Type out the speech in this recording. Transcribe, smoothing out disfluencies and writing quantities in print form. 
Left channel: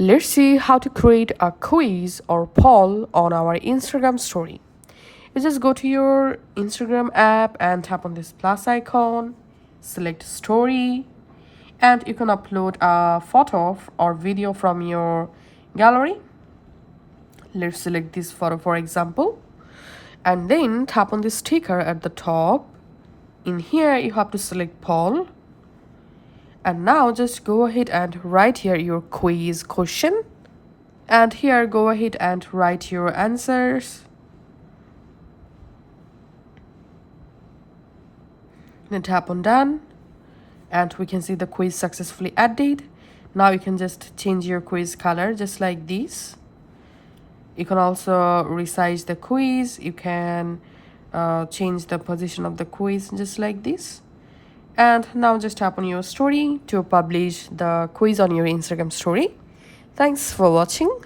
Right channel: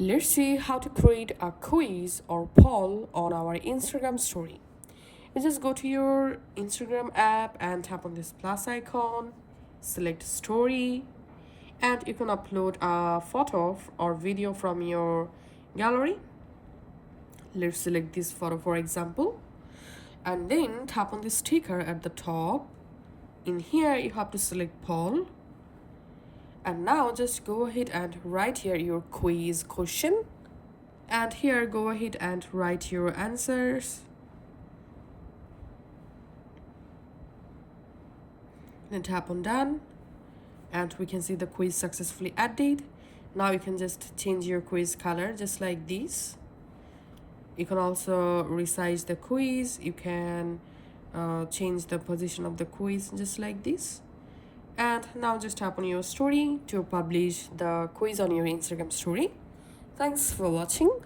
Let's see how to create a quiz or poll on our Instagram story. You just go to your Instagram app and tap on this plus icon, select story, and you can upload a photo or video from your gallery. Let's select this photo for example, and then tap on the sticker at the top. In here you have to select poll, and now just go ahead and write here your quiz question, and here go ahead and write your answers. Then tap on done, and we can see the quiz successfully added. Now you can just change your quiz color just like this. You can also resize the quiz. You can change the position of the quiz just like this. And now just tap on your story to publish the quiz on your Instagram story. Thanks for watching.